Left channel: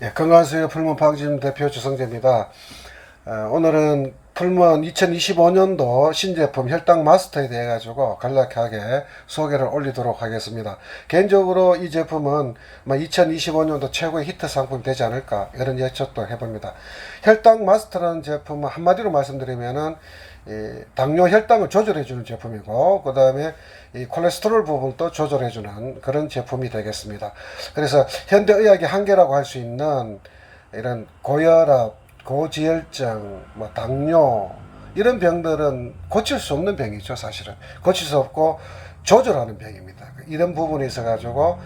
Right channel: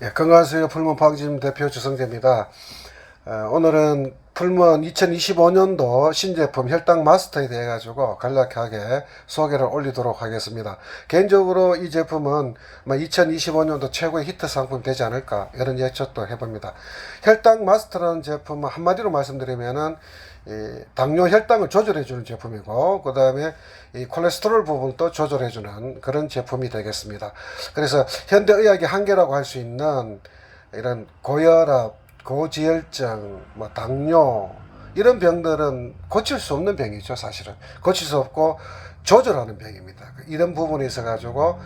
예, 건강하세요. 풀몬 파악짐 대표 주성재입니다. 오늘은 풀몬 2025년도 신제품 혈당 마스터에 대해 가지고 간략하게 소개를 올리도록 하겠습니다. 개인적으로 이 제품은 2025년도 최고의 히트 상품이 되지 않을까 이런 예측도 해봅니다. 혈당 마스터라는 제품은 한마디로 말씀드리면은 당뇨 혈당을 조절해주는 제품이고, 그 다음에 이 콜레스테롤 부분도 조절해주는 그런 제품이 되겠습니다. 그래서 현대의학의 한계라고 할 수 있는 이런 고혈압, 고지혈증, 당뇨 이런 병들은 고칠 수 없는 병이죠. 사실은 고칠 수 없고 조절하는 병입니다. 이런 부분에 있어 가지고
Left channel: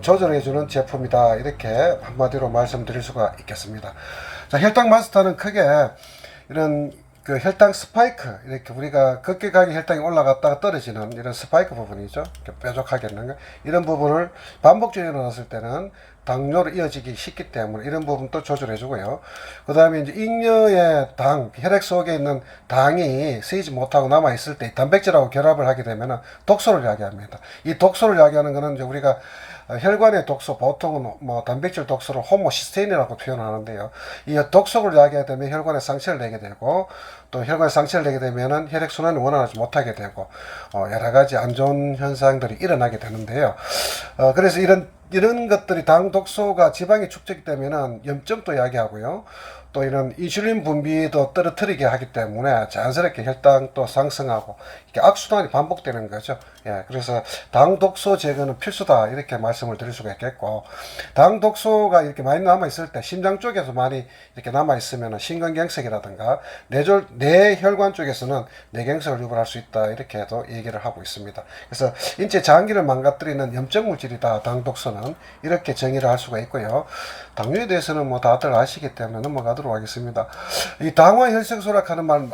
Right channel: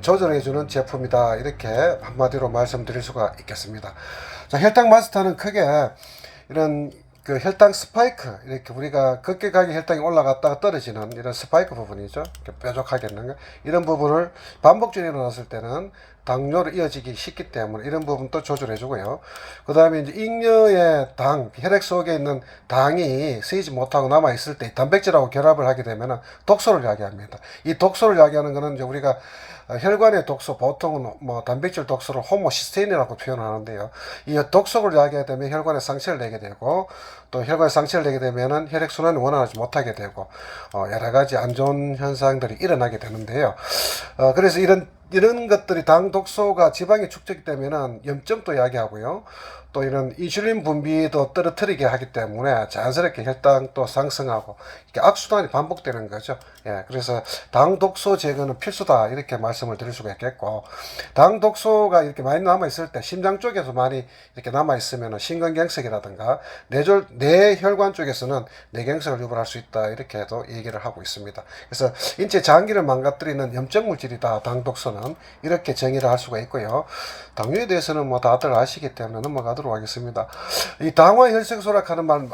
조절해주는 제품이다, 이렇게 한마디로 말씀드릴 수가 있겠습니다. 자, 혈당 마스터는 크게 이런 그 혈당 스파이크, 이렇게 우리가 급격하게 혈당이 올라갔다가 떨어지는 이런 스파이크 부분이죠. 뾰족하게 있는 거. 이런 부분을 반복적으로 일어났을 때는 당뇨로 이어지기 쉽기 때문에 이런 부분도 조절해 주고요. 그 다음에 이제 잉여의 당, 혈액 속에 있는 당이 쓰이지 못하고 남아 있을 때 단백질하고 결합을 하게 되면 독소를 야기합니다. 이 독소를 야기하는 거는 이제 우리가 혈관의 독소, 보통은 단백질 독소를 호모시스테인이라고 표현하는데요. 이 독소를 야기하게 되면 혈관에 상처를 내게 되고, 또 혈관에 상처를 내게 되면은 혈액순환이 원활하지 못하게 되고, 여러 가지 안 좋은 현상들이 일어나게 되는데요. 그래서 이런 것들이 당 독소가 지방에 축적이 되면은 염증도 야기하고요. 또 이런 인슐린 분비도 떨어뜨리게 하기 때문에 자연스럽게 혈당도 상승하고 이게 악순환이 반복되는 거죠. 예, 그래서 당 독소 제거는 필수다, 이렇게 말씀을 드릴 수가 있겠고, 당 독소가 이렇게 많이 남아 있을 때 심장 쪽에서 많이 이렇게 남아 있으면 심근경색이라든가 뇌혈관 쪽에서는 뇌경색을 유발할 수 있다, 이렇게도 얘기를 하고 있습니다. 그래서 인체 장기를 망가뜨리는 염증 물질이다, 당 독소는, 이렇게 정의를 할 수가 있고요. 당뇨에 대해서는 다들 아시기 때문에 넘어가도록 하겠습니다. 이 당화 혈색소라 하는 말,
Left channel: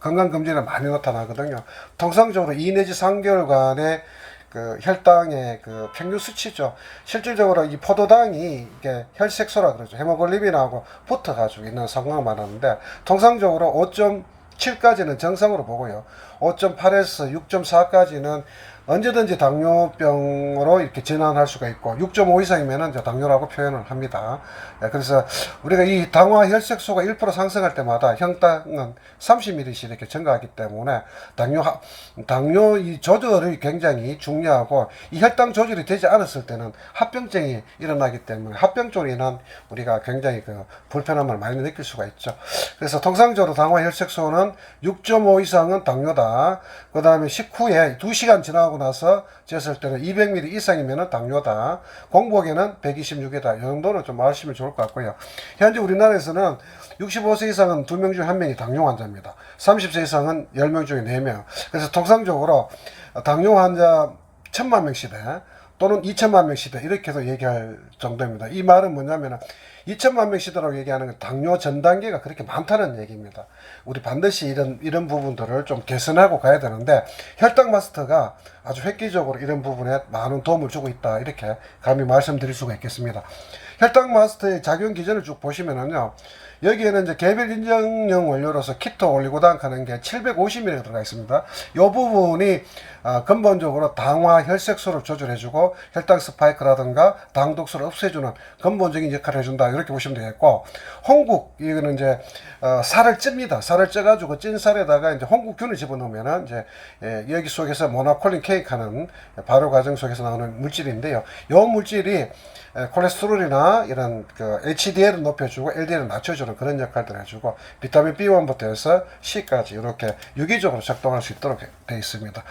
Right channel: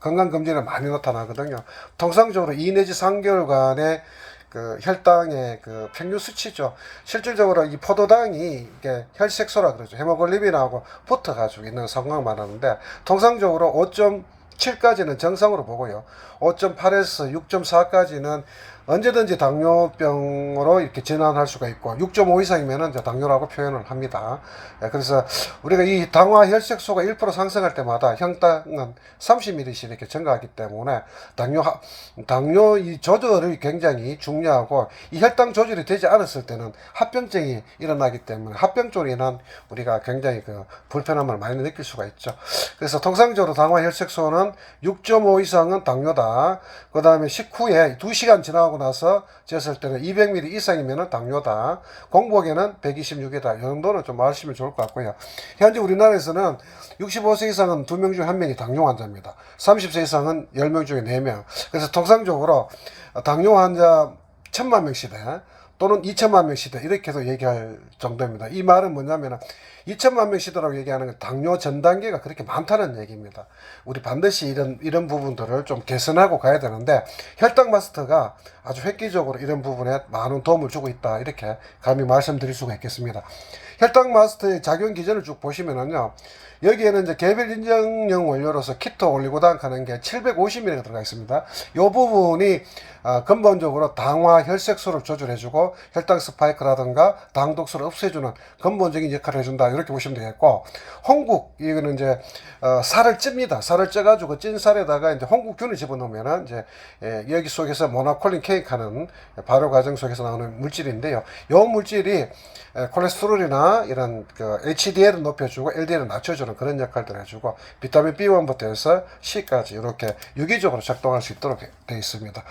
건강검진에 많이 나타나거든요. 통상적으로 2 내지 3개월간의 그 혈당의 그 평균 수치죠. 실질적으로 이 포도당이 이게 혈색소라 그러죠. 헤모글로빈하고 붙어가지고 있는 상황을 말하는데, 통상적으로 5.7까지는 정상으로 보고요. 5.8에서 6.4까지는 언제든지 당뇨병으로 이렇게 진단할 수가 있고, 6.5 이상이면 이제 당뇨라고 표현을 합니다. 그래서 우리가 이 당화 혈색소가 1% 상승할 때마다 혈당은 30ml씩 이렇게 증가하기 때문에 당뇨 이 조절이 굉장히 중요하고, 이 혈당 조절이 되지 않았을 때는 합병증이 일어나기 때문에 합병 쪽으로 인한 우리가 굉장히 그 불편함을 많이 느낄 수가 있죠. 그래서 통상적으로 당화 혈색소는 6.5 이상은 당뇨다. 그 다음에 식후에 2시간 지나고 나서 쟀을 때는 200ml 이상이면 당뇨다. 공복에는 126이다. 이 정도는 좀 아시면 좋을 것 같고요. 현재 우리나라에서는 65세 이상은 2명 중 1명이 당뇨 환자입니다. 30세 이상은 10명 중에 4명. 그래서 통상적으로 당뇨 환자 1000만 명 시대 또는 2천만 명 시대, 이렇게도 얘기할 정도입니다. 이 말은 뭐냐면 2천만 명 시대라고 얘기하는 건 당뇨 전 단계가 그렇게 많다는 얘기입니다. 우리 반드시 이런 부분들을 좀 개선하고 가야 되는데, 혈당 마스터가 아주 획기적으로 이런 부분에 많은 도움을 주고 있다, 이렇게 감히 말씀드릴 수가 있겠습니다. 혈당 마스터의 작용 기전을 쭉 보시면은요, 여기에는 이제 개별 인정형 원료로서 키토 올리고당 하는 게 750mg 들어가 있습니다. 이 부분이 근본적으로 당화 혈색소를 조절해주고 혈당 스파이크라든가 당 독소를 없애주는 근본적인 역할을 해준다, 이렇게 보시면 되겠고, 홍국, 이거는 이제 살을 찝니다. 살을 쪄가지고 찐 살에다가 이제 홍국균을 집어넣으면은 이제 여기 속에서 모나콜린 케이크하는 발효 과정 속에서 나오는 물질인데요. 이 물질이 콜레스테롤이나 이런 그 HDL을 높여주고 LDL을 낮춰주는 그런 역할들을 해주고, 비타민 B1부터 해서 C까지 이렇게 유기적으로 작동할 수 있도록 되어 있습니다.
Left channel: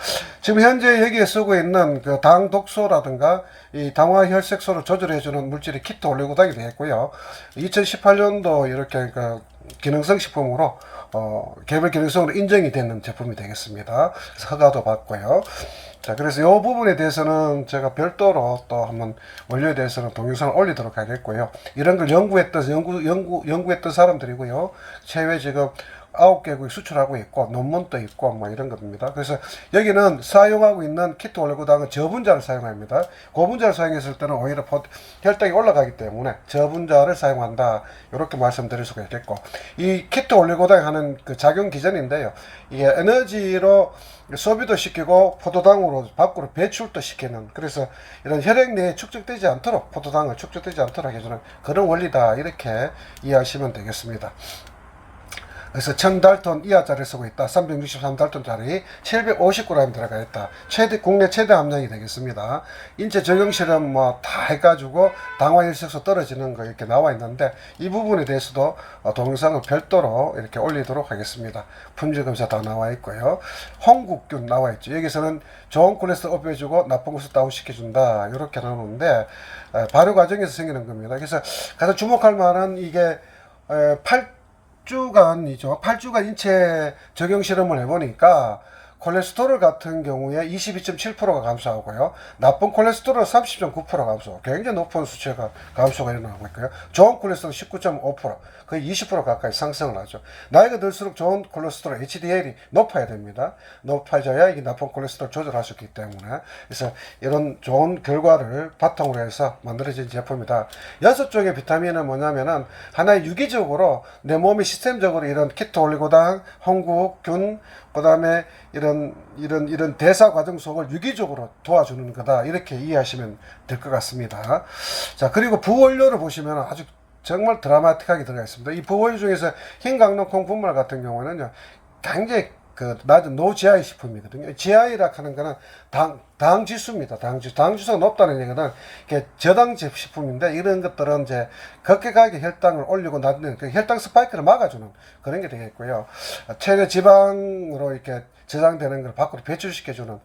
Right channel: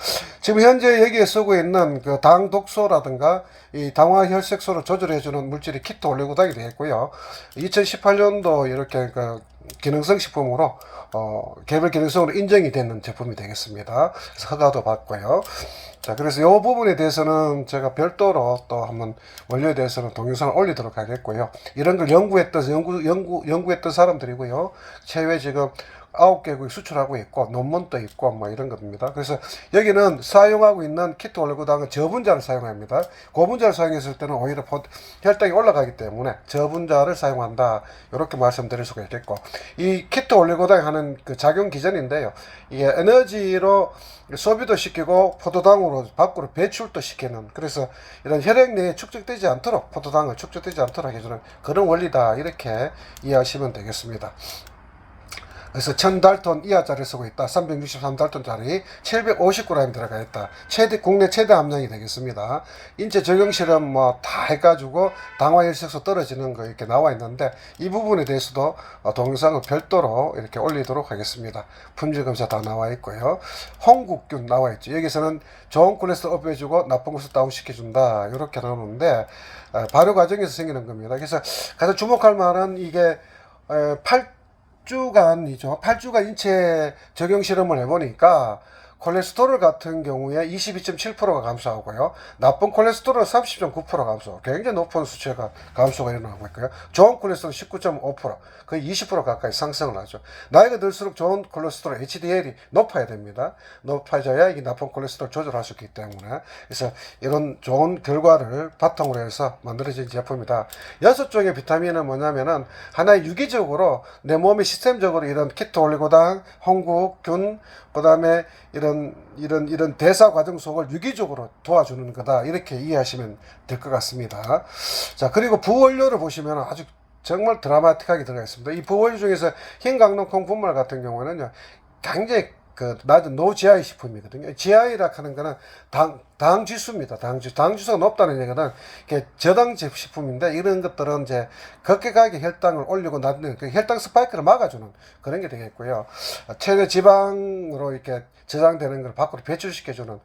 지금 현재 여기에 쓰고 있는 그 당 독소라든가 이 당화 혈색소를 조절해주는 물질이 키토 올리고당이 되어 있고요. 2018년도 이렇게 그 기능성 식품으로 개별 기능성으로 인정이 되는 제품이 되겠습니다. 그래서 허가도 받고요. 자, 그래서 이 부분에 대해서는 제가 별도로 또 한번 원료에 대해서는 동영상을 올리도록 하겠고요. 이런 걸 연구했던 사람들이고요. 최외 지금 9개국에 수출하고 있고 논문도 있고 뭐 이런 겁니다. 그래서 여기는 사용하고 있는 키토 올리고당은 저분자를 사용합니다. 고분자를 사용했을 때는 오히려 혈당이 올라가기 때문에 저분자를 사용한다. 이렇게 말씀드릴 수가 있겠고, 이 키토 올리고당이 하는 그 작용 기전인데요. 이게 에너지로 소비도 시키고 포도당으로 밖으로 배출도 시키는, 그래서 이런 혈액 내에 축적되지 않도록, 포도당을 축적되지 않도록 해주는 그런 원리다, 이렇게 이해하시면 되겠습니다. 그래서 1000달톤 이하짜리 쓰고 있다. 363달톤짜리 750g 들어가 있다. 국내 최대 함량이 되겠습니다. 인체 적용 실험 뭐 다 해가지고 당화혈색소 떨어지는 거 이렇게 나와 있는데, 이 부분에 대해서도 동영상을 별도로 이렇게 올리도록 하겠습니다. 품질 검사 다 나와 있고요. 홍국균 나와 있죠. 여기서는 좋은 콜레스테롤 업해주고 나쁜 것을 다운시켜준다. 이렇게 나오는데, 발효 과정에서 생기는 겁니다. 그래서 가장 주목할 만한 이게 8주간 인체 적용 실험을 해보니까 콜레스테롤 같은 경우에 22.7%가 감소하고요. 나쁜 콜레스테롤은 30.9% 감소. 굉장히 높은 수치가 감소가 일어나고 있고요. 좋은 콜레스테롤 19.5%, 거의 20% 가까이 상승을 하죠. 나이가 들수록 좋은 콜레스테롤 HDL이 높아야 됩니다. 높아져야 이게 나쁜 콜레스테롤 조절할 수 있기 때문에. 그래서 이런 좋은 결과를 바탕으로 해서 만들어진 제품이다. 6종의 비타민은 뭐냐면은 하나의 유기적으로 내 몸이 시스템적으로 이런 키토 올리고당, 홍국균, 그 다음에 이런 대사 과정 속을 유기적으로 도와주는 거다, 이렇게 이해하시면 될 것 같습니다. 자, 그리고 부원료를 보시면 아주 정말 드라마틱하게 들어가 있습니다. 이 부원료 중에서 흰강농 콩분말 같은 경우는요, 굉장히 그 낮은 노GI 식품이거든요. GI라 하는 거는 당 지수입니다. 당 지수가 높다는 얘기는 저당 식품인데, 이런 것들은 이제 급격하게 혈당을 올리고 낮는 그 혈당 스파이크를 막아주는 그런 게 되겠고요. 체내 지방으로 이렇게 저장되는 걸 밖으로 배출시켜주는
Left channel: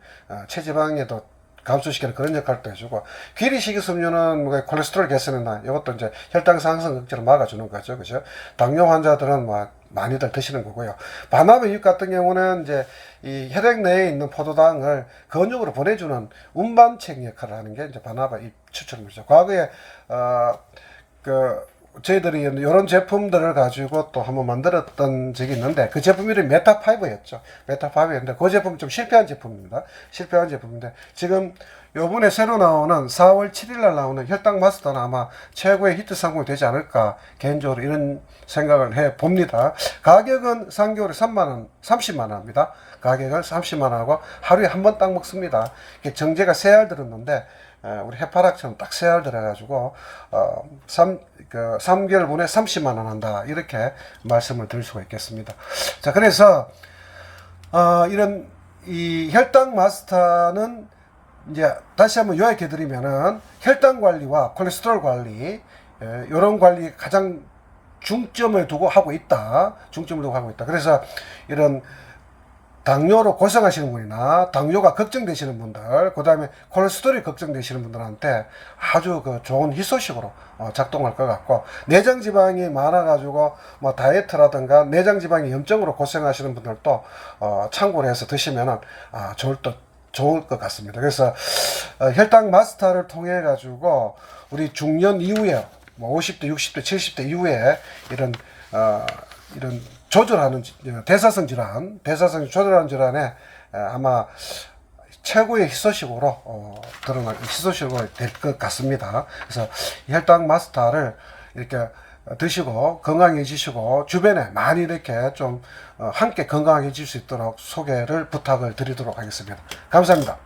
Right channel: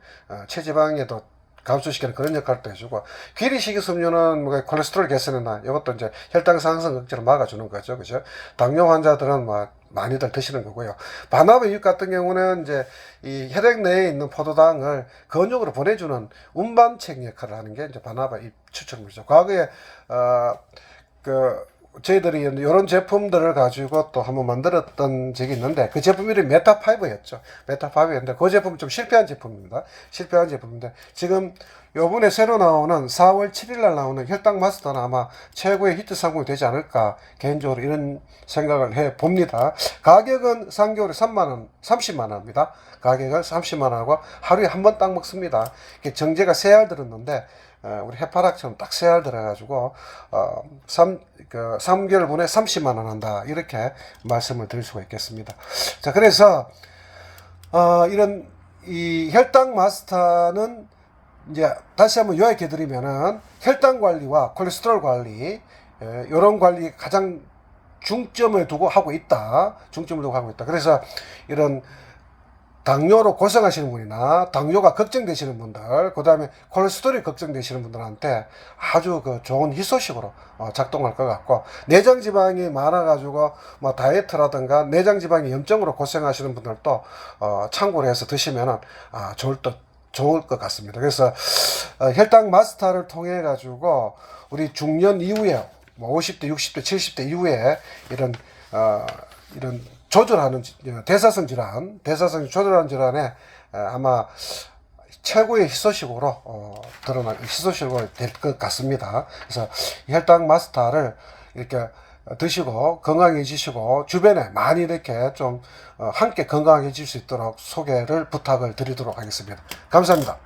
체지방에도 감소시키는 그런 역할도 해주고, 귀리 식이섬유는 뭐 콜레스테롤 개선이나 이것도 이제 혈당 상승 억제를 막아주는 거죠. 그죠? 당뇨 환자들은 뭐 많이들 드시는 거고요. 바나나 잎 같은 경우는 이제 이 혈액 내에 있는 포도당을 근육으로 보내주는 운반책 역할을 하는 게 이제 바나나 잎 추출물이죠. 과거에 저희들이 이런 제품들을 가지고 또 한번 만들었던 적이 있는데, 그 제품 이름이 메타5였죠. 메타5였는데 그 제품은 좀 실패한 제품입니다. 실패한 제품인데, 지금 요번에 새로 나오는 4월 7일 날 나오는 혈당 마스터는 아마 최고의 히트 상품이 되지 않을까, 개인적으로 이런 생각을 해 봅니다. 가격은 3개월에 30만 원입니다. 가격은 30만 원하고 하루에 한 번 딱 먹습니다. 정제가 3알 들었는데, 우리 해파락처럼 딱 3알 들어가지고 3개월 분에 30만 원 한다, 이렇게 말씀을 드릴 수가 있겠습니다. 자, 그래서 이런 이 혈당 마스터는 이제 다시 한번 요약해 드리면은, 혈당 관리와 콜레스테롤 관리, 이런 관리 가장 중점을 두고 하고 있다. 그래서 이런 당뇨로 고생하시는 분이나 당뇨가 걱정되시는 분들, 그 다음에 콜레스테롤이 걱정되시는 분들한테 아주 그 좋은 희소식으로 작동할 것 같고, 내장 지방이 많아가지고 뭐 다이어트라든가 내장 지방이 염증으로 고생하시는 분들도 참고를 해서 드시면은 좋을 것 같습니다. 그래서 혈당 마스터를 통해 가지고 우리 중년 이후에 뭐 50대, 60대, 70대 이후에 이런 조절하는 대사성 조절하는 질환에 아마 최고의 희소식으로 희소식으로 될 것 같습니다. 그래서 혈당 마스터를 이렇게 드시고 건강해지시고, 주변에 많이 이렇게 좀 함께 건강해질 수 있도록 소개를 부탁을 드리도록 하겠습니다. 감사합니다.